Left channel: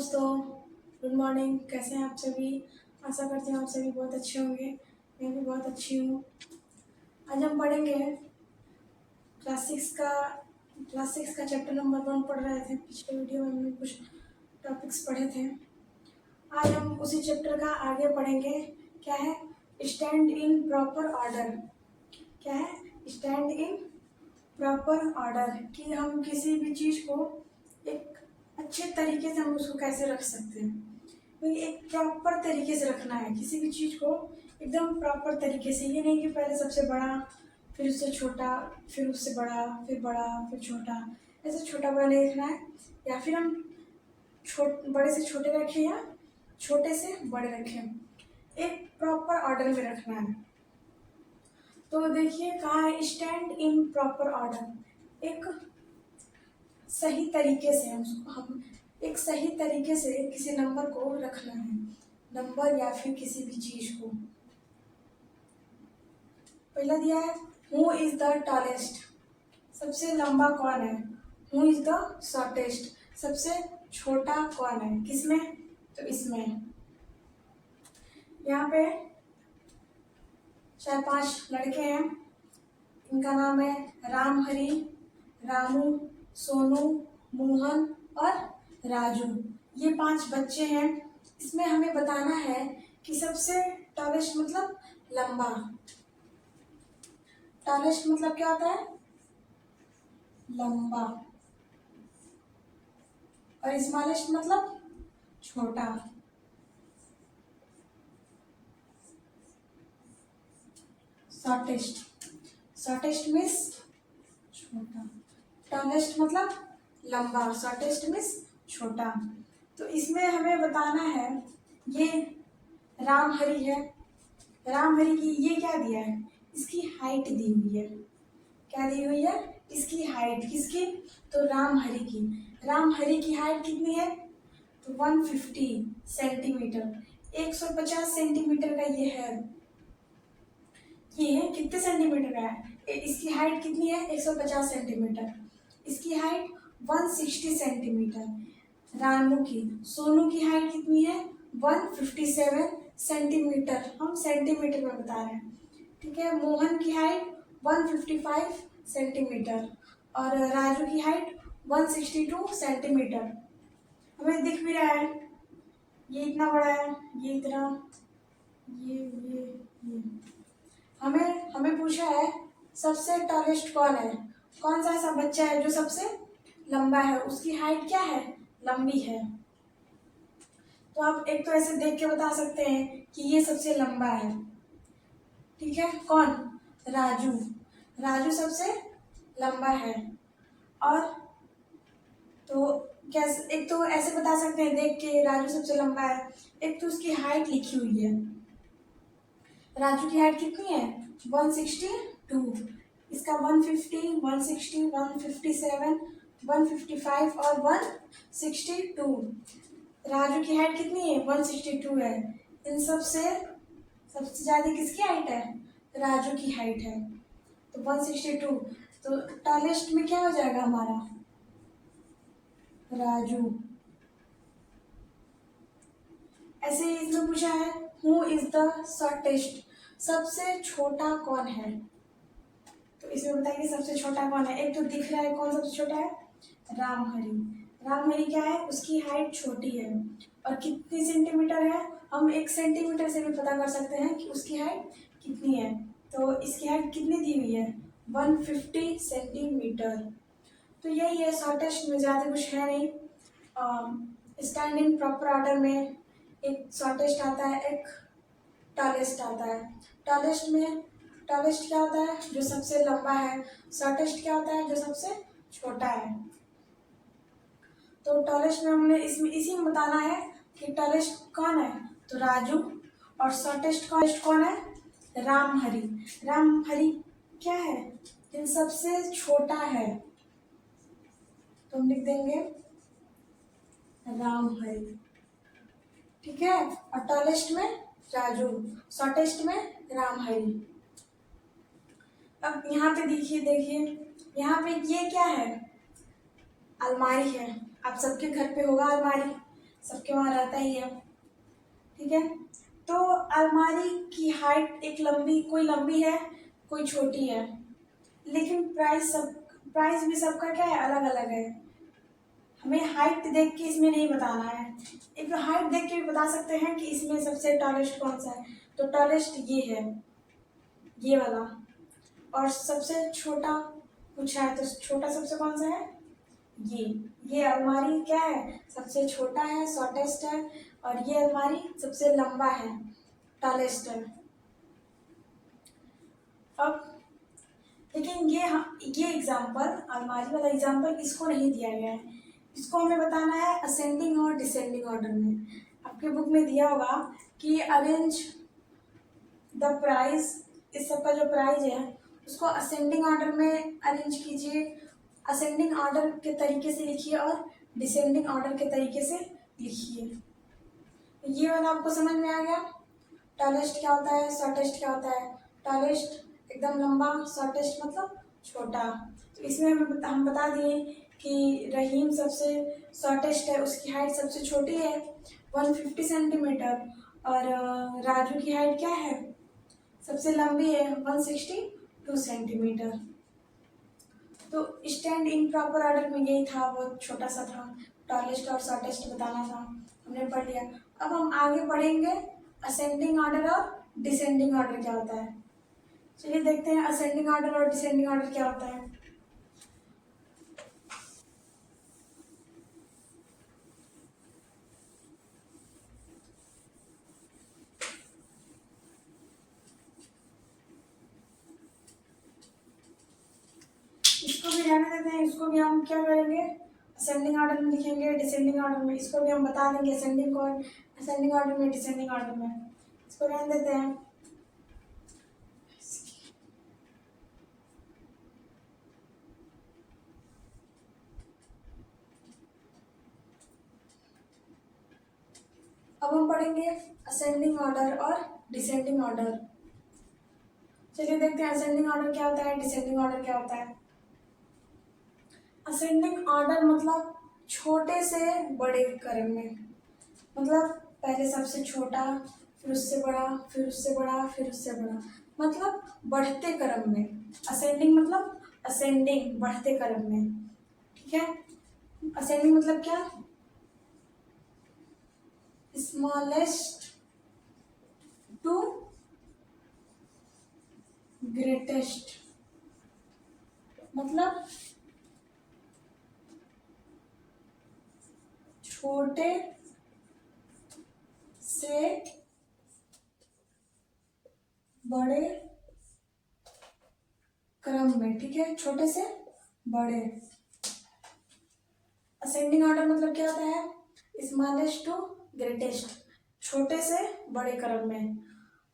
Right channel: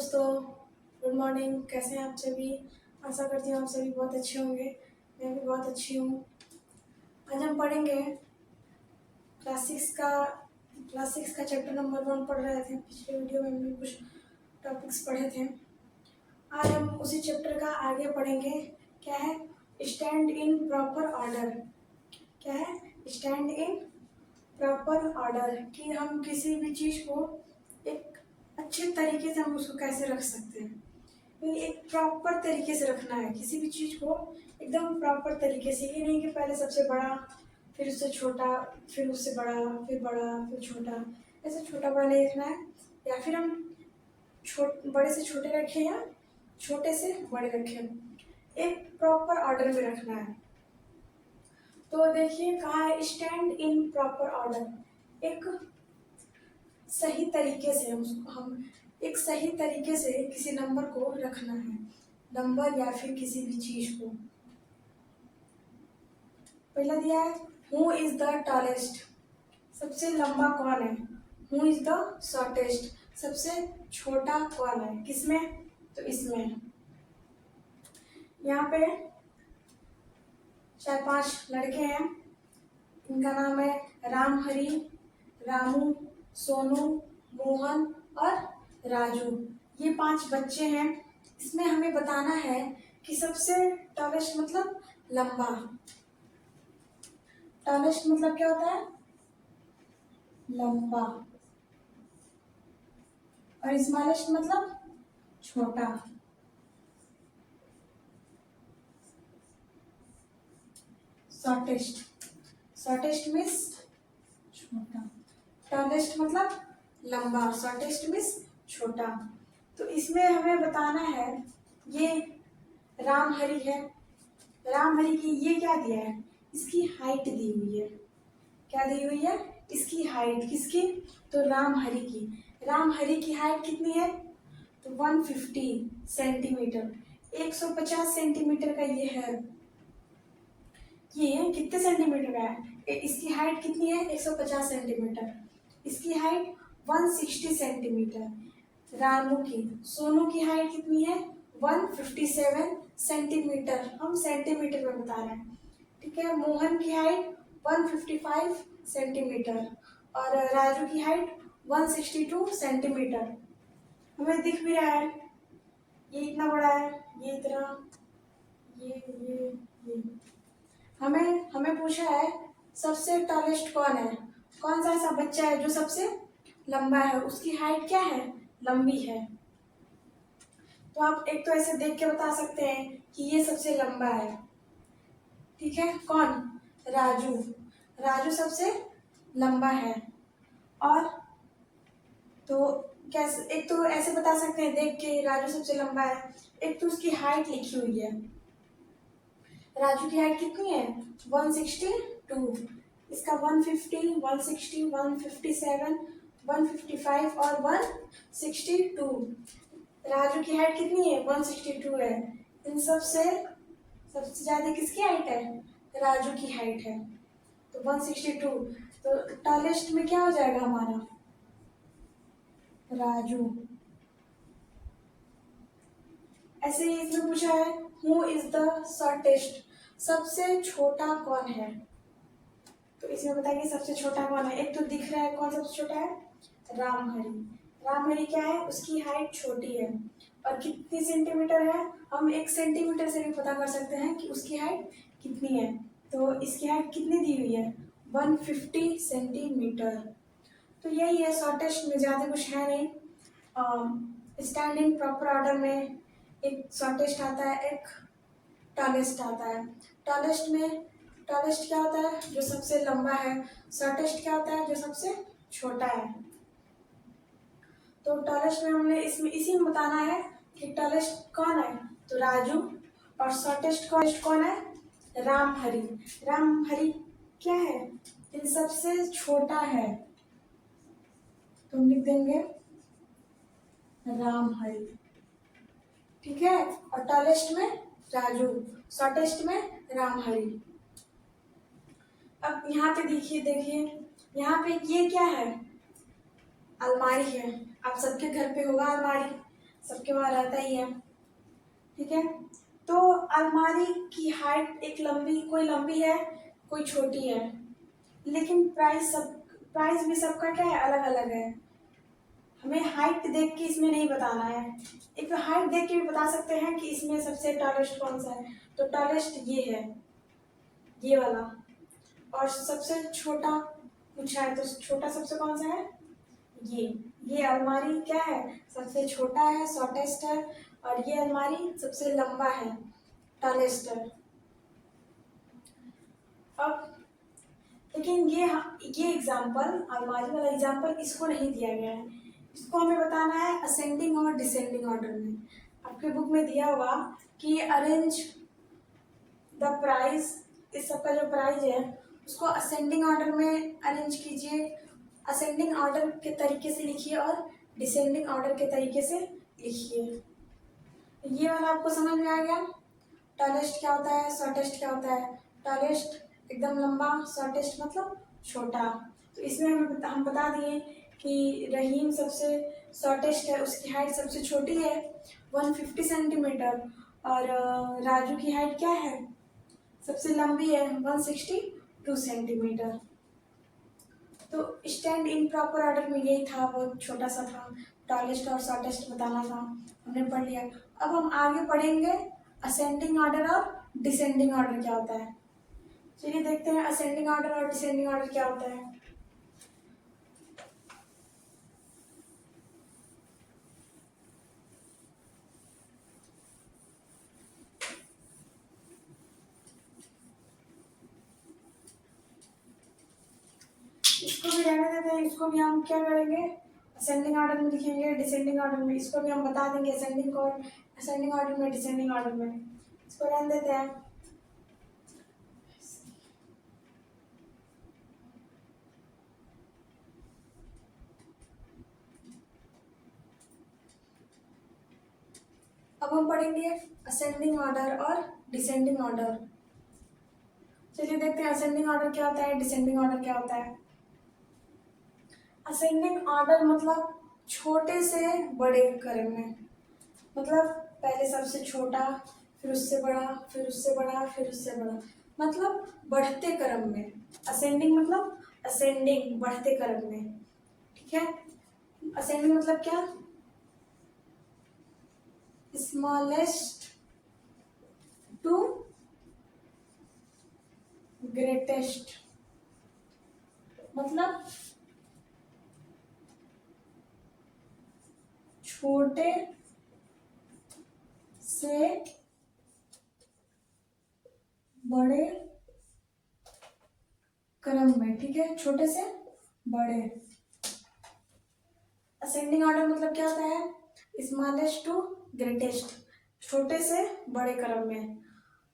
दोस्तों, good morning. कैसे हैं आप सभी? आशा करती हूँ आप सभी बहुत अच्छे होंगे। मैं भी बहुत अच्छी हूँ। आज हम पढ़ेंगे क्लास 6 का चैप्टर नंबर 1 पढ़ रहे थे। पिछले वीडियो में हमने कुछ टॉपिक्स पढ़े थे। आज हम उसी चैप्टर का आगे पढ़ेंगे। क्या है? Stand in proper order. क्या है? स्टैंड इन प्रॉपर ऑर्डर कि हम किसी भी चीज़ को एक अच्छे तरीके से हम उसको कैसे रख सकते हैं। तो एक प्रॉपर तरीके से रखना है किसी भी चीज़ को, एकदम प्रॉपर तरीके से। ये नहीं कि पहले सबसे बड़ा, फिर उससे छोटा, फिर उससे बड़ा, फिर बड़ा, फिर छोटा। ऐसे छोटा बड़ा नहीं रखना है। या फिर हम बड़े से छोटे रखें या छोटे से बड़े रखें। एक प्रॉपर ऑर्डर में रखना है। तो देखिए कहाँ है, स्टैंड इन प्रॉपर ऑर्डर। एक सही तरीके से हम एक सही तरीके से किसी नंबर को रखना है, नंबर या फिर किसी भी चीज को। पहला दिया है, हु इज द टॉलेस्ट, सबसे लंबा कौन है। हु इज द शॉर्टेस्ट, सबसे छोटा कौन है। किसमें? तो इसमें। यहाँ पे 4-5 लड़के हैं। इनका नाम है राम हरी, रामू, सोनू, मोहन और राजू। ये 5 बच्चे हैं। इसमें हमें बताना है कि सबसे टॉलेस्ट मतलब लंबा। टॉलेस्ट मतलब क्या होता है? लंबा। और स्मॉलेस्ट मतलब छोटा। शॉर्टेस्ट, शॉर्टेस्ट मीन्स छोटा। टॉलेस्ट मतलब लंबा, शॉर्टेस्ट मीन्स छोटा। तो इसमें हमें बताना है, ये राम हरी है। राम हरी की ये क्या दिया है? इसकी हाइट दी हुई है। क्या दी हुई है? इसकी हाइट। किसकी? तो राम हरि की। राम हरि की हाइट कितनी है? तो 150 सेंटीमीटर, 150 सेंटीमीटर का ये है। ये कितने सेंटीमीटर का है? इसकी हाइट कितनी है? 150 सेंटीमीटर। इसकी हाइट 160 सेंटीमीटर। रामू की, सोनू की हाइट कितनी है? 157 सेंटीमीटर। हम सेंटीमीटर में बता रहे हैं, ठीक है। मोहन की हाइट 155 सेंटीमीटर और राजू की हाइट 162 सेंटीमीटर। हमें दिख भी रहा है, ये इतना बड़ा है, ये इतना, ये। हमें हमें पूछा है सबसे टॉलेस्ट कौन है। कौन सा ऐसा बच्चा है जो सबसे लंबा है, उसकी हाइट क्या है? लंबी है। तो आप एक तो ऐसे देख के बता सकते हैं कि ये सबसे लंबा है, ठीक है। कौन? राजू। राजू सबसे लंबा है। और तो कैसे, एक तो ऐसे बता सकते हैं देख के राजू सबसे लंबा है। एक तो उसकी हाइट लिखी हुई है। राजू की हाइट कितनी है? 162। इसका 150, 160, 157, 155 और 162। राजू की हाइट कितनी है? 162 है। इन सबसे सबसे ज्यादा किसकी हाइट है? राजू की हाइट है। तो 162। तो टॉलेस्ट में क्या हो जाएगा हमारा? राजू। ऐसे ही इसमें पूछा है, हु इज द शॉर्टेस्ट, सबसे छोटा कौन है। तो इसमें बताइए सबसे छोटा कौन है। एक तो दिख रहा है कौन सबसे छोटा है? रामहरि। रामहरि क्या है? उसकी हाइट छोटी है। और कितनी सेंटीमीटर है? हम 1 सेंटीमीटर से भी पता कर सकते हैं कि उसकी हाइट कितनी है। तो इसकी हाइट कितनी दी हुई है? 150 सेंटीमीटर। तो यही है, शॉर्टेस्ट में ज़्यादा कुछ है नहीं। स्टैंडिंग प्रॉपर ऑर्डर में एक शॉर्टेस्ट आता है, एक टॉलेस्ट आता है। टॉलेस्ट क्या होता है? जो सबसे लंबा है। शॉर्टेस्ट क्या होता है? जो सबसे छोटा है। तो टॉलेस्ट में हमने इसमें इसी में बताना है कि टॉलेस्ट कौन है। तो राजू। और शॉर्टेस्ट कौन है? रामहरि। रामहरि क्या है? इन सबसे छोटा है। तो हम लिख देंगे रामहरि, ठीक है। और टॉलेस्ट में राजू, शॉर्टेस्ट में रामहरि। अब यहाँ पे देखिए यहाँ पे ये क्या है? अलमारी है। आप सबके घर पे होगा अलमारी। सबके वहाँ रहता ही है, ठीक है। तो अलमारी की हाइट एक लंबी, कोई लंबी है कोई छोटी है, लेकिन प्राइस भी सबका क्या है, अलग अलग है। हमें हाइट देख के इसमें नहीं बताना है, एक हाइट देख के भी बता सकते हैं कि इसमें सबसे टॉलेस्ट कौन सा है। तो टॉलेस्ट ये है, ये वाला। और सबसे छोटा पूछा है तो छोटा सबसे कौन सा है, ये अलमारी क्या है, सबसे छोटा है, शॉर्टेस्ट है। और ये अलमारी सबसे लंबा है, टॉलेस्ट है। अब लेकिन ये एग्जाम्पल, अलमारी वाला एग्जाम्पल इसको नहीं दिया गया है, इसको हमें बताना है असेंडिंग और डिसेंडिंग ऑर्डर में। आपके बुक में दिया होगा कि अरेंज द प्राइस, इस सब का जो प्राइस है उसको असेंडिंग ऑर्डर में अरेंज कीजिए, असेंडिंग ऑर्डर के तरीके से लिखिए और डिसेंडिंग ऑर्डर के तरीके से लिखिए। ये वाला आपको समझ में आ गया। टॉलेस्ट क्या होता है, शॉर्टेस्ट क्या होता है। टॉलेस्ट एकदम लंबा, शॉर्टेस्ट मतलब छोटा। तो इसमें हम बता दिए कि रहीम सबसे शॉर्टेस्ट है, उसकी हाइट सबसे छोटी है 150 सेंटीमीटर। और राजू की हाइट क्या है, सबसे लंबी है 162 सेंटीमीटर। तो स्टैंड इन प्रॉपर ऑर्डर में यही था, बहुत छोटा सा था, टॉलेस्ट और शॉर्टेस्ट बताना था, हमने पढ़ लिया। अब हम आगे पढ़ेंगे असेंडिंग ऑर्डर और डिसेंडिंग ऑर्डर क्या होता है। चलिए देखते हैं असेंडिंग ऑर्डर और डिसेंडिंग ऑर्डर क्या होता है। इसको भी रहने देते हैं, इसको भी हम क्या करेंगे, असेंडिंग ऑर्डर में लिखेंगे, डिसेंडिंग ऑर्डर में। इसको भी हम बता देंगे असेंडिंग ऑर्डर में, डिसेंडिंग ऑर्डर में। इसको रहने देते हैं। अब हम पढ़ेंगे असेंडिंग ऑर्डर और डिसेंडिंग ऑर्डर। चलिए देखते हैं असेंडिंग ऑर्डर क्या होता है, डिसेंडिंग ऑर्डर क्या होता है। असेंडिंग ऑर्डर मतलब छोटे से बड़े क्रम में, मतलब पहले सबसे छोटा, फिर उससे बड़ा, फिर उससे बड़ा, फिर उससे बड़ा, मतलब बढ़ते क्रम में। असेंडिंग मतलब असेंडिंग, बढ़ते क्रम में, ठीक है। असेंडिंग मतलब क्या, स्मॉलेस्ट टू ग्रेटेस्ट, मतलब छोटे से बड़े क्रम में, ठीक है, छोटे से बड़े। असेंडिंग ऑर्डर मतलब क्या होता है, स्मॉलेस्ट टू ग्रेटेस्ट, छोटे से बड़े क्रम में,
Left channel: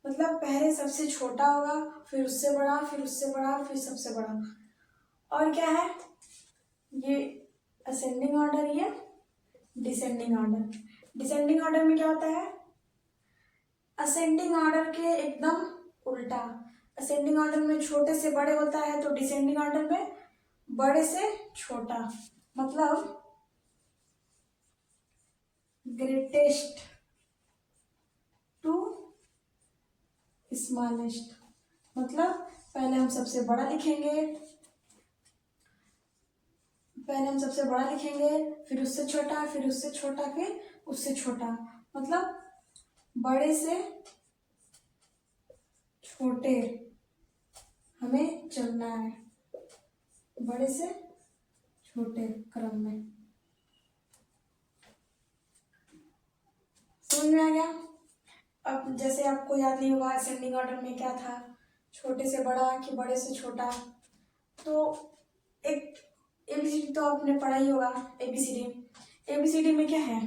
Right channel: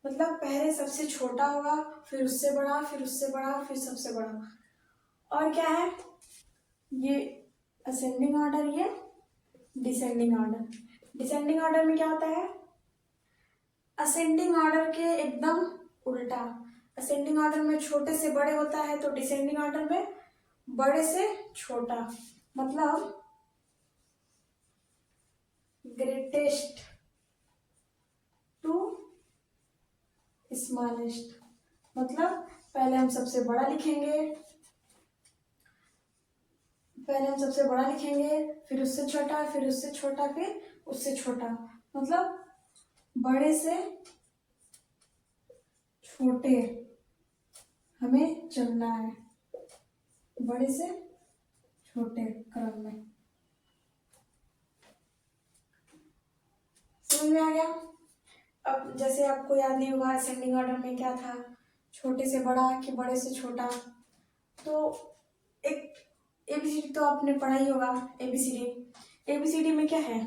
मतलब पहले सबसे छोटा होगा, फिर उससे बड़ा, फिर उससे बड़ा, फिर सबसे बड़ा। और क्या है, ये असेंडिंग ऑर्डर, ये डिसेंडिंग ऑर्डर। डिसेंडिंग ऑर्डर में क्या होता है, असेंडिंग ऑर्डर के एकदम उल्टा। असेंडिंग ऑर्डर में छोटे से बड़े होता है, तो डिसेंडिंग ऑर्डर में बड़े से छोटा, मतलब ग्रेटेस्ट टू स्मॉलेस्ट। मतलब पहले हम सबसे बड़ा लिखेंगे, फिर उससे छोटा, फिर उससे छोटा, फिर उससे छोटा, मतलब बड़े से छोटे हमें चलना है, बड़े से छोटे क्रम में। समझ में आ गया। अब जैसे आपको याद नहीं होगा असेंडिंग ऑर्डर में क्या था, छोटे से बड़ा कि बड़े से छोटा। तो एक एबीसीडी तो आपने पढ़ा ही होगा, एबीसीडी में क्या है,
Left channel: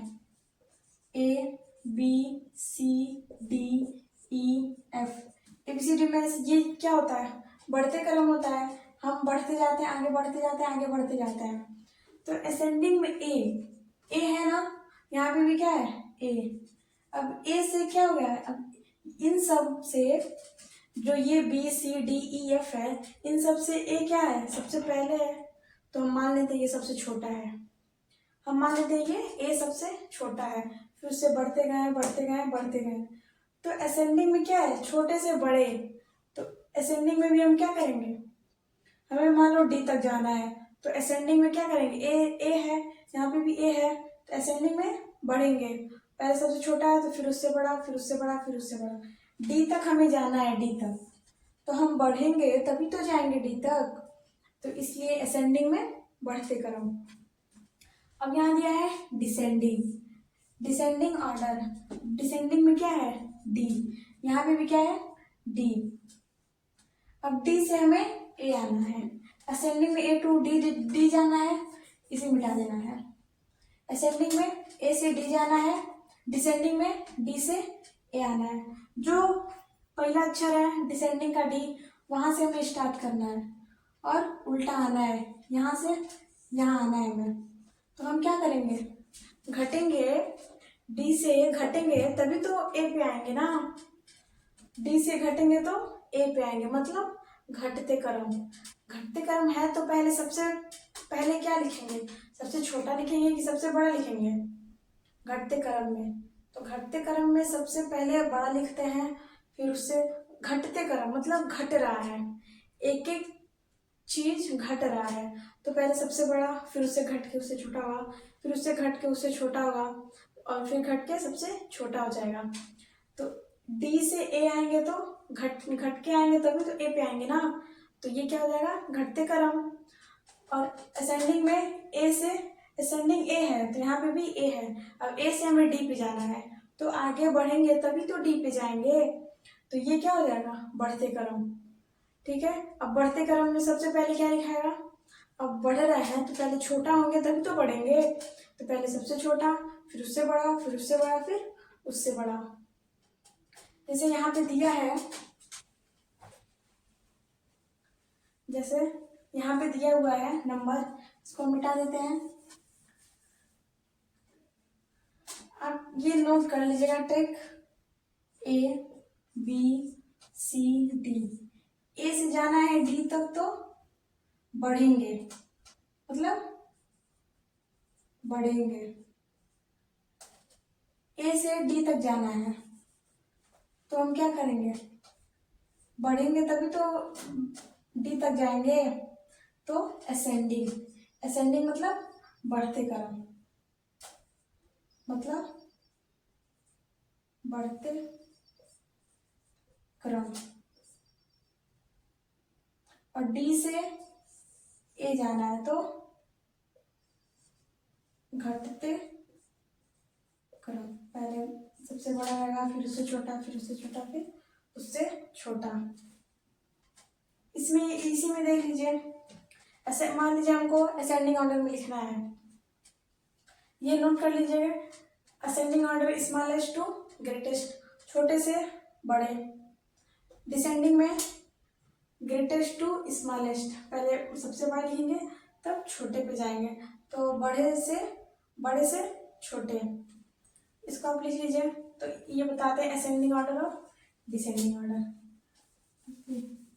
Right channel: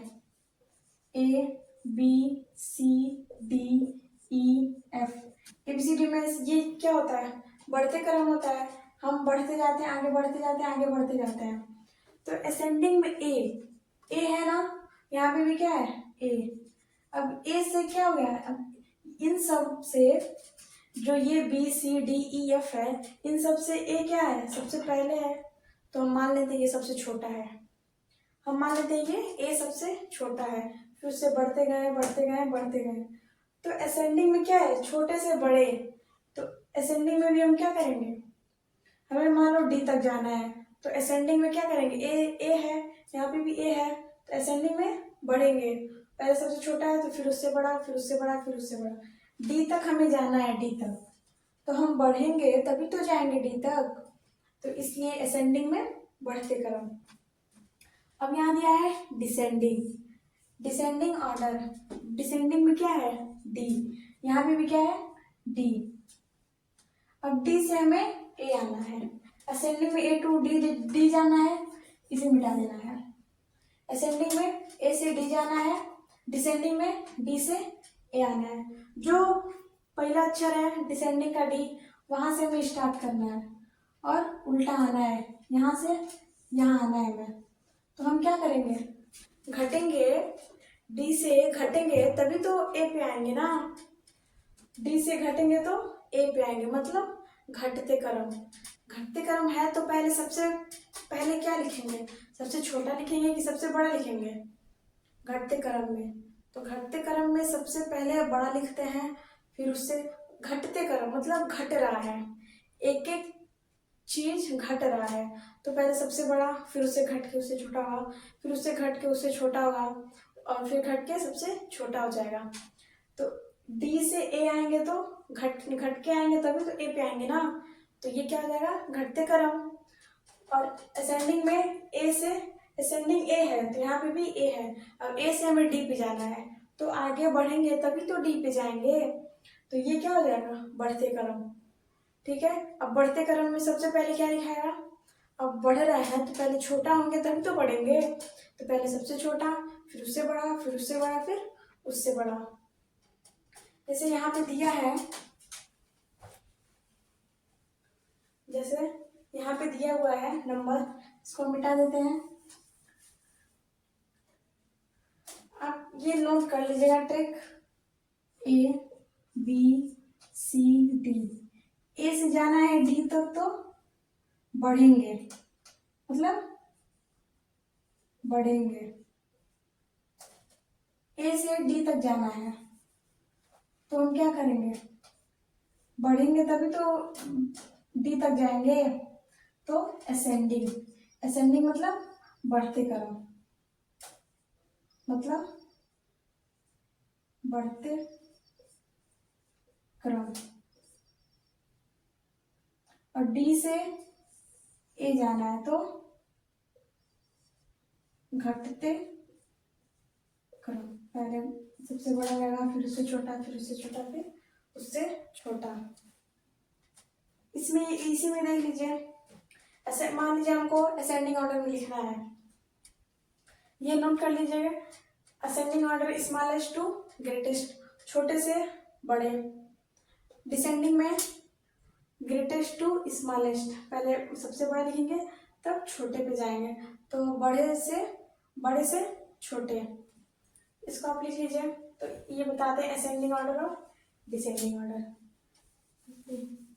A B C D E F. ABCD में ये क्या होता है, बढ़ते क्रम होता है, हम बढ़ते जाते हैं, आगे बढ़ते जाते हैं, आगे बढ़ते जाते हैं। तो असेंडिंग में ए है ना, यहाँ पे भी क्या है, ए। अब ए से क्या हो गया, अब इन सब से जो ये B C D E F है, इन सब से ए क्या है, सबसे पहले है, तो हम मान लेते हैं ये सबसे छोटा है। हम मान लेते हैं ये ए सबसे छोटा है, फिर उससे बढ़ते गए बढ़ते गए बढ़ते गए। तो असेंडिंग में क्या है, छोटे से बड़े। तो असेंडिंग में भी हम क्या करेंगे, हमें मान लो डी तक जाना है, तो असेंडिंग में क्या करेंगे, ए है, यहाँ पे भी ए है, तो असेंडिंग में बढ़ेंगे। पहले सबसे छोटा है तो फिर उससे बड़ा, फिर उससे बड़ा, फिर उससे बड़ा। डी तक हमें जाना है, डी तक, तो हम बढ़ेंगे तभी तो जाएंगे डी तक, तो इसलिए असेंडिंग में बढ़ते क्रम। अब यहाँ दिया है डिसेंडिंग, डिसेंडिंग ऑर्डर। डिसेंडिंग में क्या है, डी, यहाँ पे भी क्या है, डी। अब डी से हमें ए आना है, असेंडिंग में ए टू डी जाना है, इसे मिटा देना है। असेंडिंग में ए से डी जाना है, डिसेंडिंग में डी से ए आना है। जो पहला अक्षर है डिसेंडिंग का डी, वहां से हमें स्टार्ट करना है और उल्टा आना है, यहाँ से यहाँ आना है हमें। तो हम क्या करेंगे, घटेंगे, डी से घटेंगे तभी तो ए पे आएंगे ना, डी से घटेंगे तो ए पे आएंगे, मतलब घटते क्रम। घटते क्रम है तो पहले सबसे पहले क्या लिखेंगे, सबसे छोटा लिखेंगे कि सबसे बड़ा लिखेंगे, घटते क्रम में। तो घटते क्रम में सबसे पहले बड़ा लिखते हैं, फिर उससे घटते क्रम मतलब घट रहा है, एक एक चीज घट रहा है, तो पहले सबसे बड़ा, फिर उससे घट के उससे छोटा होगा, फिर उससे घट के उससे छोटा होगा, और फिर घट के सबसे छोटा हो जाएगा। तो डी से ए आएंगे तो घट के आएंगे तभी तो ए पे आएंगे ना, तो ये क्या हो जाएगा, घटते क्रम। और असेंडिंग में ए से, असेंडिंग ए है तो यहाँ पे भी ए है, अब ए से हमें डी पे जाना है, तो आगे बढ़ेंगे तभी तो डी पे जाएंगे, तो ये क्या हो जाएगा, बढ़ते क्रम। ठीक है, अब बढ़ते क्रम में सबसे पहले क्या लिखाएगा, अब बढ़ रहा है तो पहले छोटा होंगे तभी तो बढ़ेंगे, तो पहले सबसे छोटा, फिर उससे बड़ा, फिर उससे बड़ा, फिर उससे बड़ा। जैसे यहाँ पे दिया है, जैसे यहाँ पे दिया हुआ है नंबर, इसको मिटा देते हैं। आप ये नोट कर लीजिएगा trick, A B C D, A से जाना है डी तक तो बढ़ेंगे, मतलब बढ़ेंगे, ए से डी तक जाना है तो हम क्या करेंगे, बढ़ेंगे तभी तो डी तक जाएंगे, तो असेंडिंग, असेंडिंग मतलब बढ़ते क्रम, मतलब बढ़ते क्रम। और डी से ए जाना है तो घटते क्रम, पहले सबसे बड़ा रहेगा, फिर उससे छोटा, फिर उससे छोटा, फिर उससे छोटा। इसमें इसी में देख लीजिए, ऐसे मान लीजिए हमको असेंडिंग ऑर्डर में लिखना है, ये नोट कर लीजिएगा, ascending order smallest to greatest, छोटे से बड़े। डिसेंडिंग में ग्रेटेस्ट टू स्मॉलेस्ट, पहले सबसे बड़ा लिखेंगे तब छोटे पे जाएंगे, तो बड़े से छोटे। इसको आप लिख लीजिए, तो ये बताते हैं असेंडिंग ऑर्डर और डिसेंडिंग ऑर्डर।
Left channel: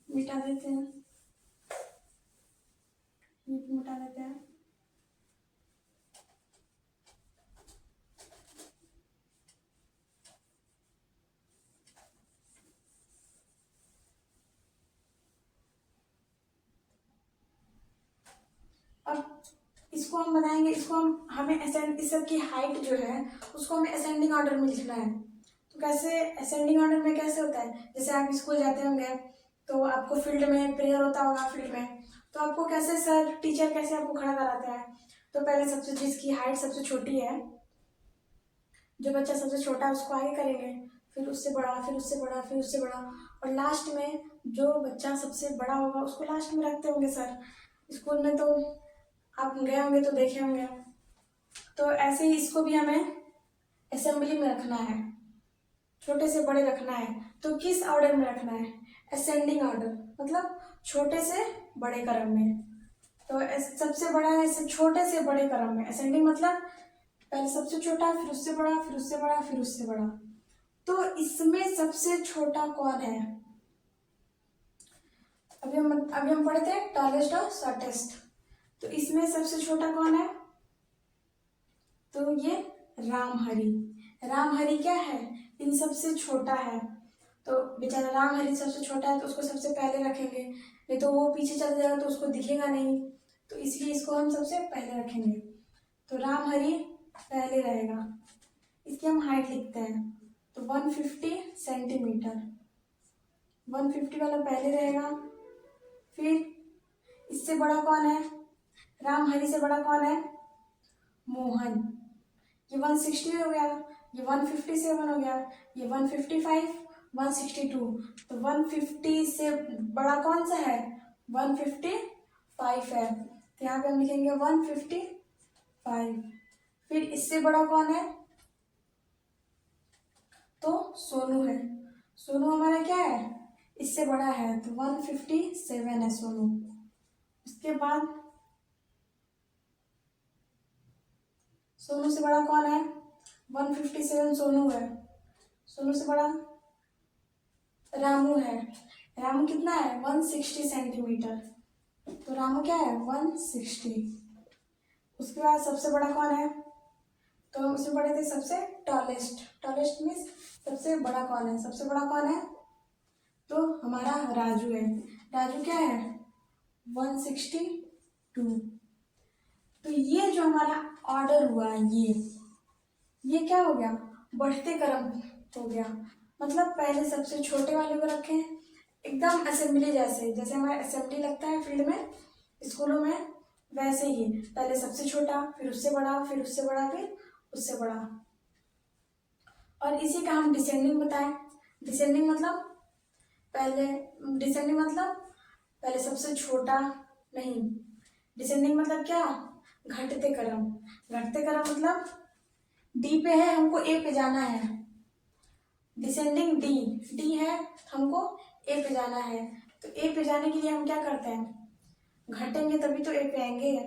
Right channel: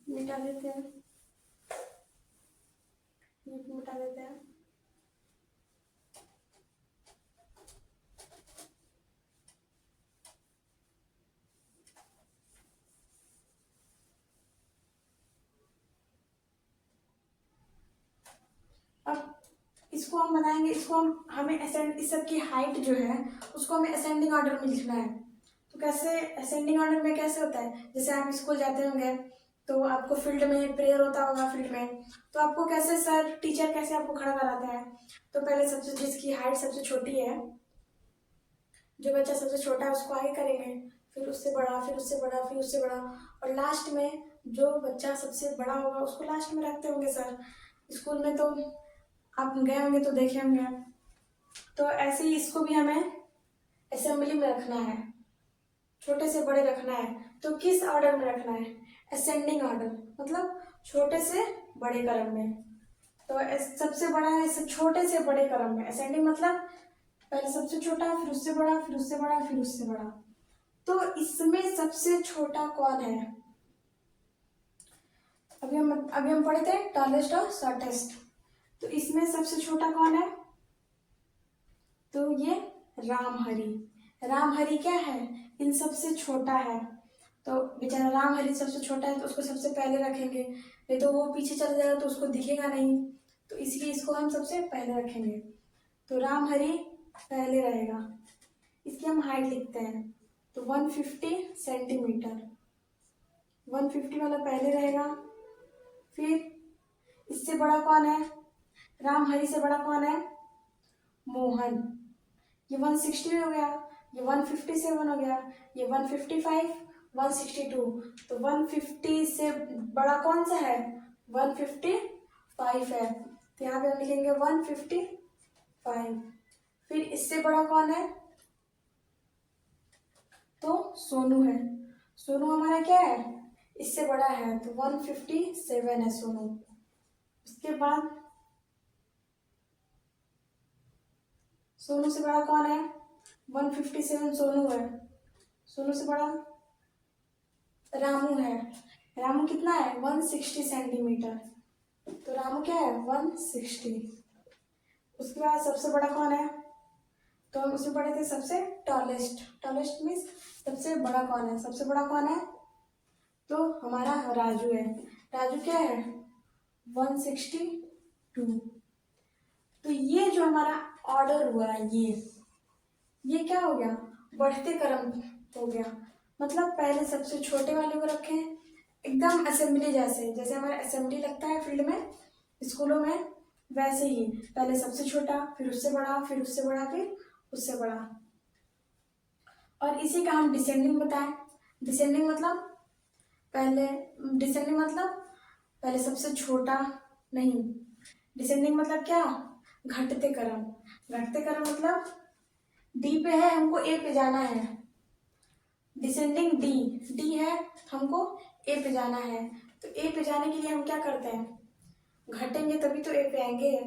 मिटा देते हैं, ये मिटा देते हैं। अब इसको हम बनाएंगे, इसको हमें असेंड, इस सब की हाइट जो है उसको हमें असेंडिंग ऑर्डर में लिखना है। तो कैसे असेंडिंग ऑर्डर में कैसे होता है, जैसे आप स्कूल जाते होंगे तो आपको फील्ड में प्रेयर होता होगा, फील्ड में तो आपको कैसे सर टीचर कैसे आपको खड़ा कराता है, तो पहले सबसे जिसकी हाइट सबसे छोटी है, जो बच्चा सबसे छोटा है उसको आगे करेंगे, फिर उससे बड़ा, फिर उससे बड़ा, फिर उससे बड़ा, और लास्ट में जो बच्चा सबसे बड़ा होगा उसको लास्ट में रखते होंगे सर। स्कूल में तो आप गए होंगे तो देखे होंगे, तो ऐसे ही इसको भी हमें असेंबली में रखना है, छोटे से बड़े रखना है। तो किस ऑर्डर में रखना है, असेंडिंग ऑर्डर, मतलब छोटे से बड़े क्रम में। तो सबसे बड़ा है छोटे से बड़े क्रम में, असेंडिंग मतलब पहले सबसे छोटा, फिर उससे बड़ा, फिर उससे बड़ा, फिर उससे बड़ा। तो इसमें सबसे छोटा कौन है, अभी हम पढ़े थे टॉलेस्ट और शॉर्टेस्ट, तो इसमें सबसे छोटा कौन है, तो ये रामहरी क्या है, इन सबसे छोटा है, तो बेचारा रामहरी सबसे छोटा है तो उसको सबसे पहले रखेंगे, नहीं तो वो पीछे चला जाएगा तो उसको दिखेगा नहीं, तो इसलिए इसको हम सबसे पहले रखेंगे। तो रामहरी पहले रहेगा। इसकी हम हाइट लिखते हैं, तो 150 सेंटीमीटर, 150 वाला पहले रहेगा। फिर इससे बड़ा कौन है, रामहरी से बड़ा कौन है, मोहन। ये 160 हो गया, ये 157 हो गया, ये 155, 162, तो 150 से बड़ा कौन सा है, 155 है, तो यहाँ पे हम लिखेंगे 155। फिर इससे बड़ा कौन है, तो सोनू है। सोनू हमारा क्या है, इससे बड़ा है, तो 157 है सोनू। उसके बाद सोनू से बड़ा कौन है, 157 सोनू है। सोनू से बड़ा रामू है। रामू कितना है, 160 सेंटीमीटर, तो रामू क्या है, 160। उसके बाद सबसे बड़ा कौन है, तो हम उसमें पढ़े थे सबसे टॉलेस्ट, टॉलेस्ट मीन्स सबसे बड़ा कौन है, सबसे बड़ा कौन है, तो हमारा राजू है। राजू क्या है, 162। तो ये जो हमारा ऑर्डर हुआ, ये क्या हो गया, बढ़ते क्रम हो गया। मतलब पहले सबसे छोटे वाले को रखें, एकदम असेंबली जैसे, जैसे हमारा असेंबली लगता है फील्ड में, स्कूलों में, वैसे ही पहले सबसे छोटा, फिर उससे बड़ा, फिर उससे बड़ा, फिर उससे बड़ा। और इसी का हम डिसेंडिंग बताएं। डिसेंडिंग मतलब पहले सबसे छोटा नहीं, डिसेंडिंग मतलब क्या, घटते क्रम। घटते क्रम मतलब डी पे है, हमको ए पे जाना है, डिसेंडिंग डी है, हमको ए पे जाना है। तो ए पे जाने के लिए हम क्या करते हैं, घटेंगे तभी तो ए पे आएंगे,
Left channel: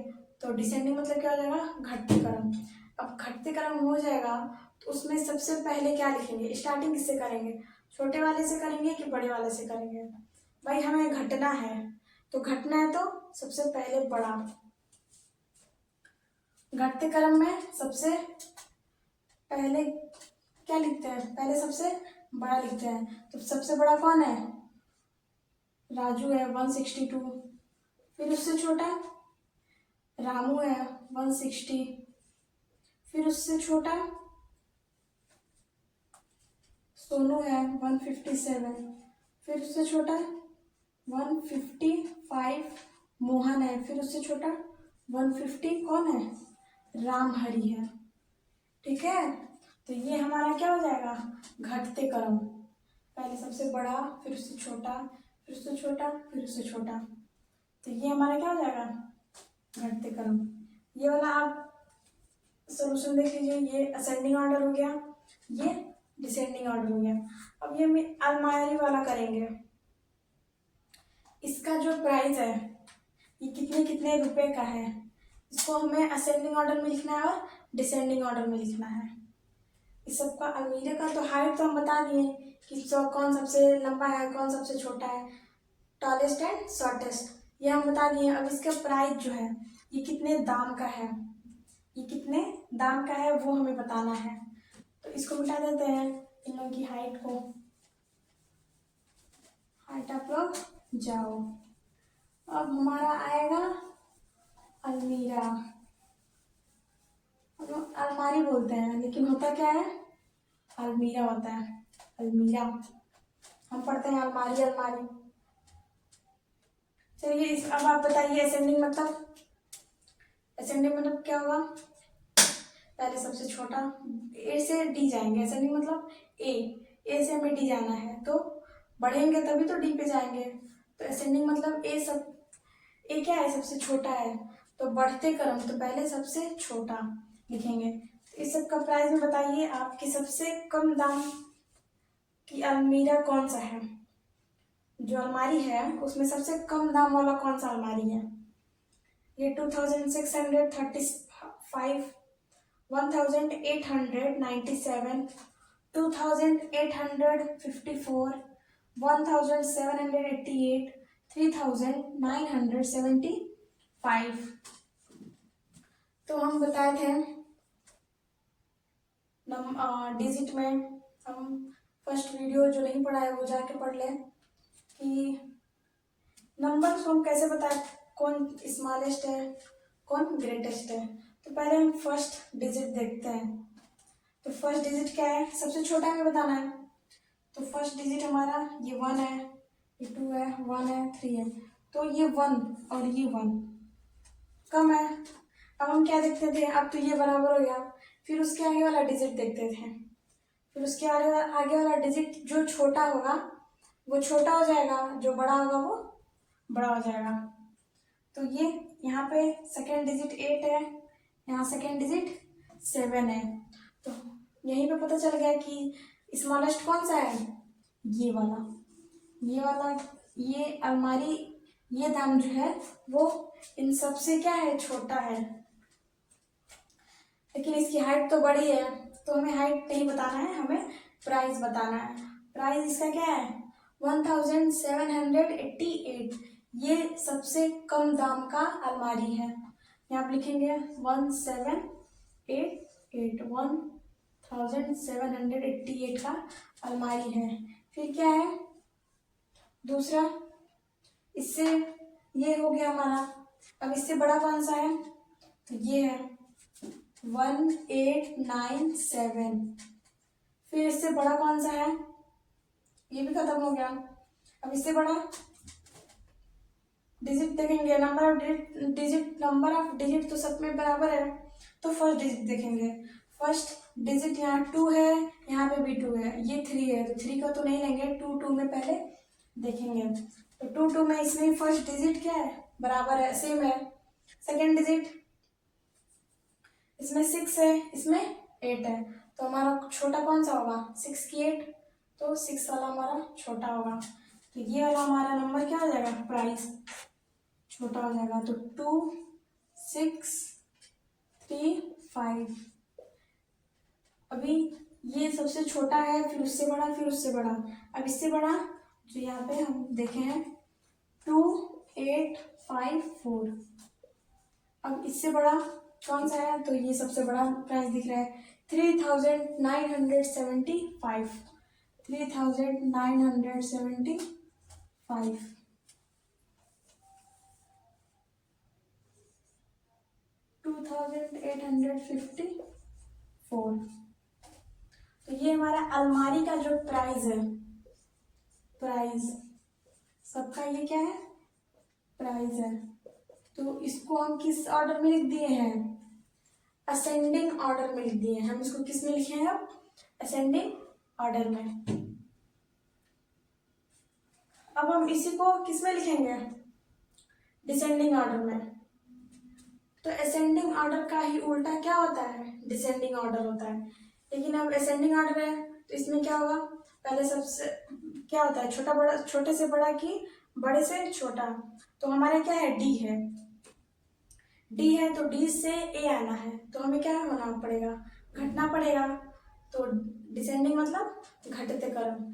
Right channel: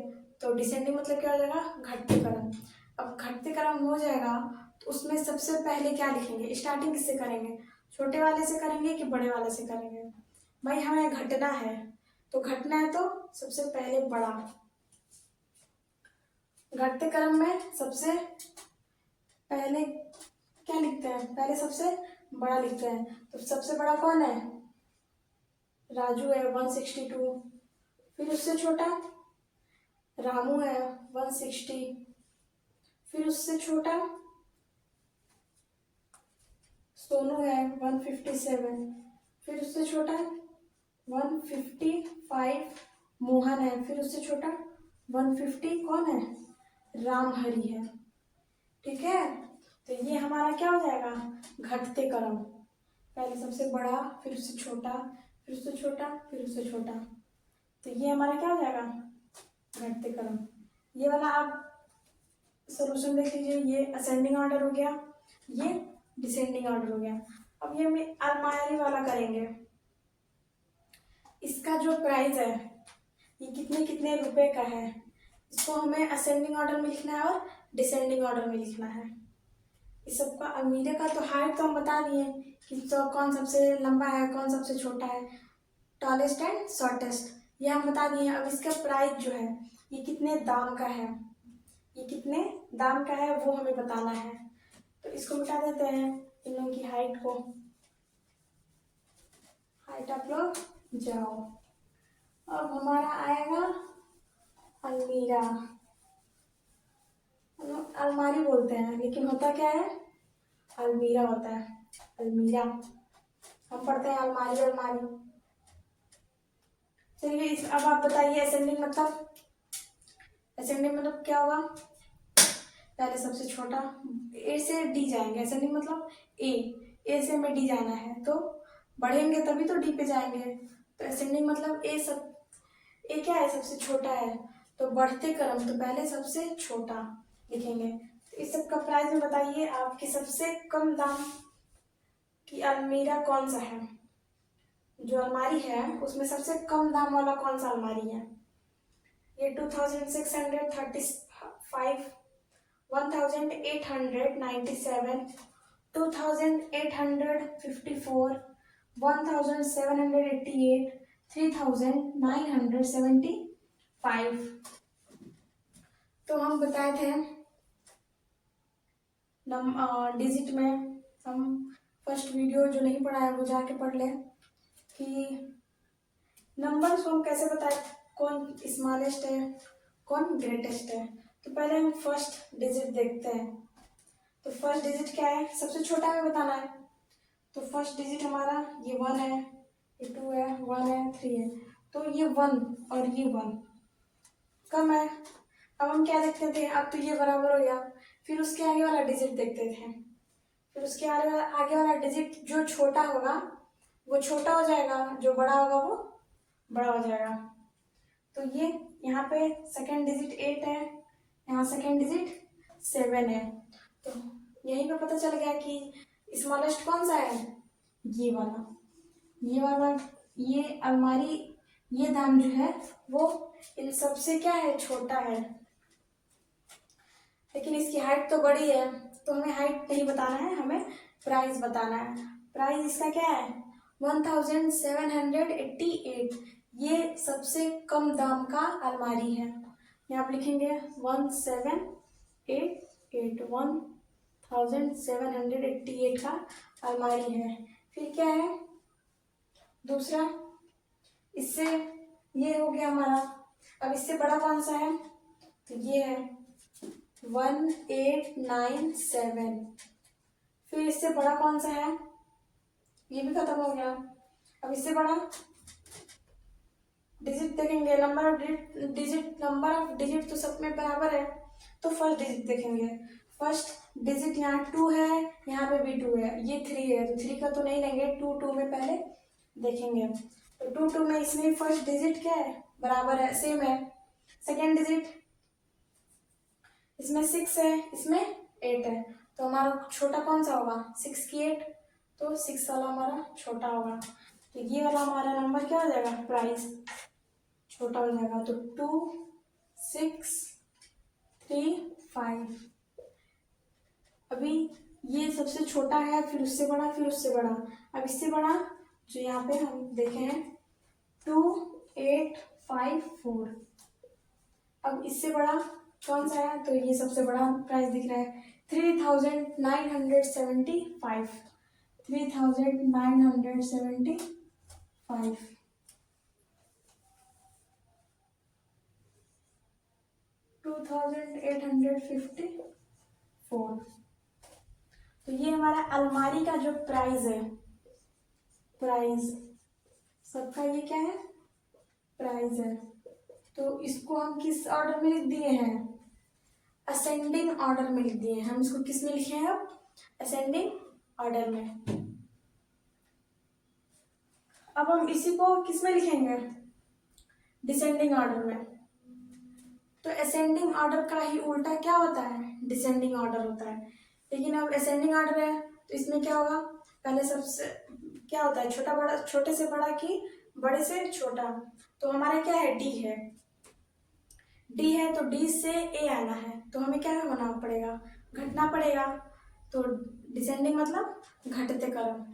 तो डिसेंडिंग मतलब क्या हो जाएगा, घटते क्रम। अब घटते क्रम हो जाएगा तो उसमें सबसे पहले क्या लिखेंगे, स्टार्टिंग किससे करेंगे, छोटे वाले से करेंगे कि बड़े वाले से करेंगे, भाई हमें घटना है, तो घटना है तो सबसे पहले बड़ा। घटते क्रम में सबसे पहले क्या लिखते हैं, पहले सबसे बड़ा लिखते हैं, तो सबसे बड़ा कौन है, राजू है 162। फिर उससे छोटा रामू है 160। फिर उससे छोटा सोनू है 157। फिर उससे छोटा 155 मोहन है। फिर उससे छोटा 150 कौन है, रामहरि है। ठीक है, तो ये हमारा क्या हो जाएगा, घटते क्रम, पहले सबसे बड़ा, फिर उससे छोटा, फिर उससे छोटा, फिर उससे छोटा, तो ये हमारा क्या हो जाएगा, घटते क्रम। ये वाला आप सॉल्यूशन देख लीजिए, ये असेंडिंग ऑर्डर हो गया, ये डिसेंडिंग ऑर्डर हो गया। अब ये हम अलमारी वाला करेंगे। इसका जो प्राइस है ये कितने कितने रुपए का है, इसको हमें असेंडिंग ऑर्डर में लिखना है और डिसेंडिंग ऑर्डर में लिखना है। इस सबका अलमीरे का तो हाइट तो हम बता दिए कि कौन सबसे लंबा है, कौन सबसे छोटा है, टॉलेस्ट एंड शॉर्टेस्ट, ये हम बता दिए। अब इसका प्राइस जो है ये कितने दाम का है, ये कितने दाम का है वो हमें बताना है। तो इसको मिटा देते हैं, इन लोगों की हाइट को, हाइट आप लोग जाओ। अब हमारा आएगा अलमीरा, हम लोग अलमारी बोलते हैं लेकिन होता क्या है, अलमीरा होता है। अलमीरा हम पढ़ते हैं अलमारी अलमारी। चलिए अब आप बताइए असेंडिंग मतलब, असेंडिंग मतलब क्या होगा, पहले सबसे छोटा, ए से डी जाएंगे, असेंडिंग मतलब ए से हमें डी जाना है, तो बढ़ेंगे तभी तो डी पे जाएंगे। तो असेंडिंग मतलब ए क्या है, सबसे छोटा है, तो बढ़ते क्रम तो पहले सबसे छोटा लिखेंगे। तो इस सब का प्राइस में बताइए आपकी सबसे कम दाम की अलमीरा कौन सा है, जो अलमारी है उसमें सबसे कम दाम वाला कौन सा अलमारी है। ये 2635, 1897, 2854, 1788, 3975। तो हम बताए थे डिजिट में हम फर्स्ट वीडियो जो नहीं पढ़ा है वो जाके पढ़ लें कि नंबर्स को हम कैसे बताएं, कौन स्मॉलेस्ट है कौन ग्रेटेस्ट है। तो पहले हम फर्स्ट डिजिट देखते हैं। तो फर्स्ट डिजिट क्या है, सबसे छोटा हमें बताना है। तो फर्स्ट डिजिट हमारा ये 1 है, ये 2 है, 1 है, 3 है। तो ये 1 और ये 1 कम है। अब हम क्या देखते थे, अब तो ये बराबर हो गया, फिर उसके आगे वाला डिजिट देखते थे। फिर उसके आगे वाला डिजिट जो छोटा होगा वो छोटा हो जाएगा, जो बड़ा होगा वो बड़ा हो जाएगा। तो ये यहाँ पे सेकेंड डिजिट 8 है, यहाँ सेकेंड डिजिट 7 है। तो यहीं पे पता चल गया कि स्मॉलेस्ट कौन सा है, ये वाला। ये अलमारी, ये दाम जो है वो इन सबसे क्या है, छोटा है। लेकिन इसकी हाइट तो बड़ी है, तो हमें हाइट नहीं बताना है, हमें प्राइस बताना है। प्राइस इसका क्या है, 1788। ये सबसे कम दाम का अलमारी है। यहाँ आप लिखेंगे 1788 का अलमारी है। फिर क्या है दूसरा, इससे ये हो गया हमारा। अब इससे बड़ा कौन सा है, तो ये है 1897। फिर इससे बड़ा कौन सा है, ये भी खत्म हो गया। अब इससे बड़ा डिजिट देखेंगे, नंबर ऑफ डिजिट तो सब में बराबर है, तो फर्स्ट डिजिट देखेंगे। फर्स्ट डिजिट यहाँ 2 है, यहाँ पे भी 2 है, ये 3 है, तो 3 का तो नहीं लेंगे, 2 में पहले देखेंगे। तो 2 में इसमें फर्स्ट डिजिट क्या है, बराबर है, सेम है। सेकेंड डिजिट इसमें 6 है, इसमें 8 है, तो हमारा छोटा कौन सा होगा, 6 की 8, तो 6 वाला हमारा छोटा होगा। तो ये वाला हमारा नंबर क्या हो जाएगा, प्राइस छोटा हो जाएगा। तो 2635। अभी ये सबसे छोटा है, फिर उससे बड़ा, फिर उससे बड़ा। अब इससे बड़ा जो यहाँ पे हम देखे हैं 2854। अब इससे बड़ा कौन सा है, तो ये सबसे बड़ा प्राइस दिख रहा है 3975। 3975। $2854। तो ये हमारा अलमारी का जो प्राइस है, प्राइस सबका ये क्या है, प्राइस है। तो इसको हम किस ऑर्डर में लिख दिए हैं, असेंडिंग ऑर्डर में लिख दिए हैं। हम इसको किस में लिखे हैं, असेंडिंग ऑर्डर में। अब हम इसी को किस में लिखेंगे, डिसेंडिंग ऑर्डर में। तो असेंडिंग ऑर्डर का ही उल्टा क्या होता है, डिसेंडिंग ऑर्डर होता है। लेकिन अब असेंडिंग ऑर्डर है तो इसमें क्या होगा, पहले सबसे क्या होता है, छोटा बड़ा, छोटे से बड़ा की बड़े से छोटा। तो हमारा क्या है, डी है, डी है, तो डी से ए आना है, तो हमें क्या होना पड़ेगा, घटना पड़ेगा। तो डिसेंडिंग मतलब घटते क्रम।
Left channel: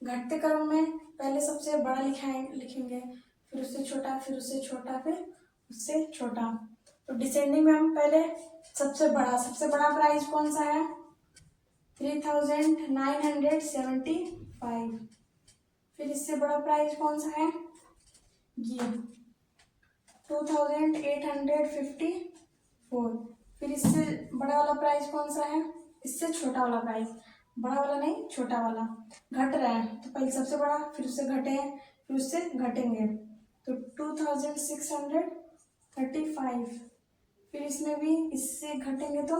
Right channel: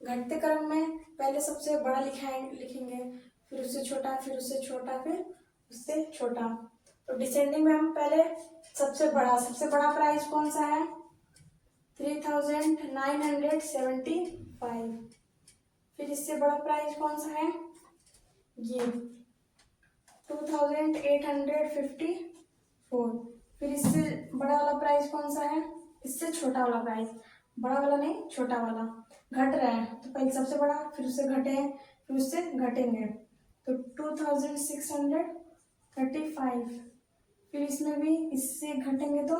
घटते क्रम में पहले सबसे बड़ा लिखेंगे, फिर उससे छोटा, फिर उससे छोटा, फिर उससे छोटा। तो डिसेंडिंग में हम पहले सबसे बड़ा प्राइस कौन सा है, 3975। फिर इससे बड़ा प्राइस कौन सा है, ये 2854। फिर इससे बड़ा वाला प्राइस कौन सा है, इससे छोटा वाला प्राइस, बड़ा वाला नहीं छोटा वाला। घट रहा है तो पहले सबसे बड़ा, फिर उससे घटे हैं, फिर उससे घटेंगे। तो 2635। फिर इसमें भी इससे घटेंगे तो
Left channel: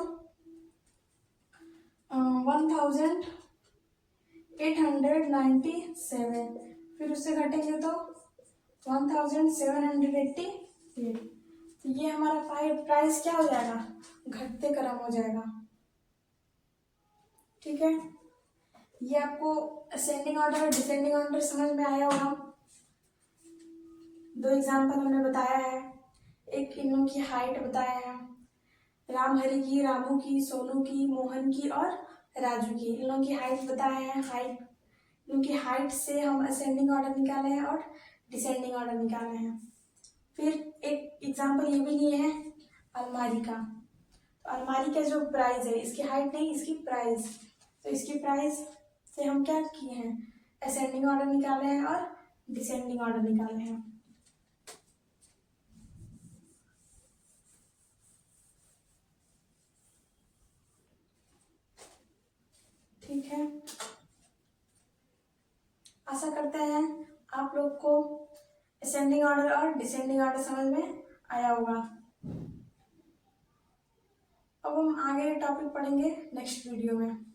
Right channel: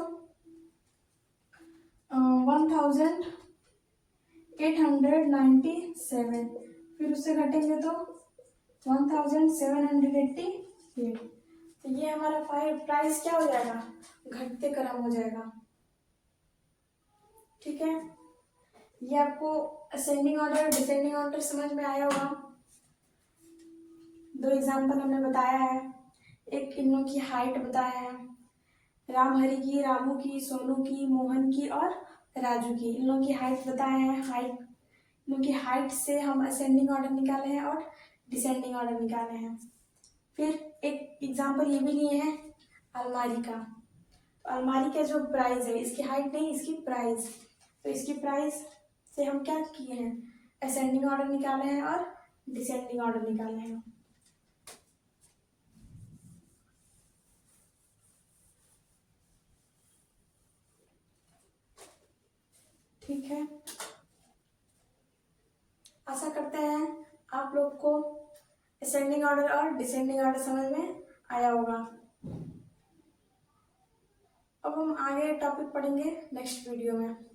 1897। फिर उससे घटेंगे तो 1788। तो ये हमारा प्राइस क्या हो जाएगा, घटते क्रम हो जाएगा। ठीक है, ये आपको असेंडिंग ऑर्डर डिसेंडिंग ऑर्डर समझ में आया होगा। 2 एग्जाम्पल हमने बताया है, एक इन लोगों की हाइट बताया है, रामहरि की, रामू की, सोनू की, मोहन की और राजू की। इन लोगों की हाइट बताया है। इन लोगों की हाइट से हम असेंडिंग ऑर्डर निकाले हैं और डिसेंडिंग ऑर्डर निकाले हैं। फिर एक एग्जाम्पल ये भी लिए हैं अलमारी का। तो अलमारी का जो प्राइस है, इसकी हाइट नहीं, इसकी प्राइस, तो इसकी प्राइस से हम क्या किए हैं, असेंडिंग ऑर्डर निकाले हैं और डिसेंडिंग ऑर्डर निकाले हैं। ठीक है, आशा करते हैं आप लोग को असेंडिंग ऑर्डर और डिसेंडिंग ऑर्डर समझ में आया होगा। अब हम आगे टॉपिक पढ़ेंगे नेक्स्ट वीडियो में।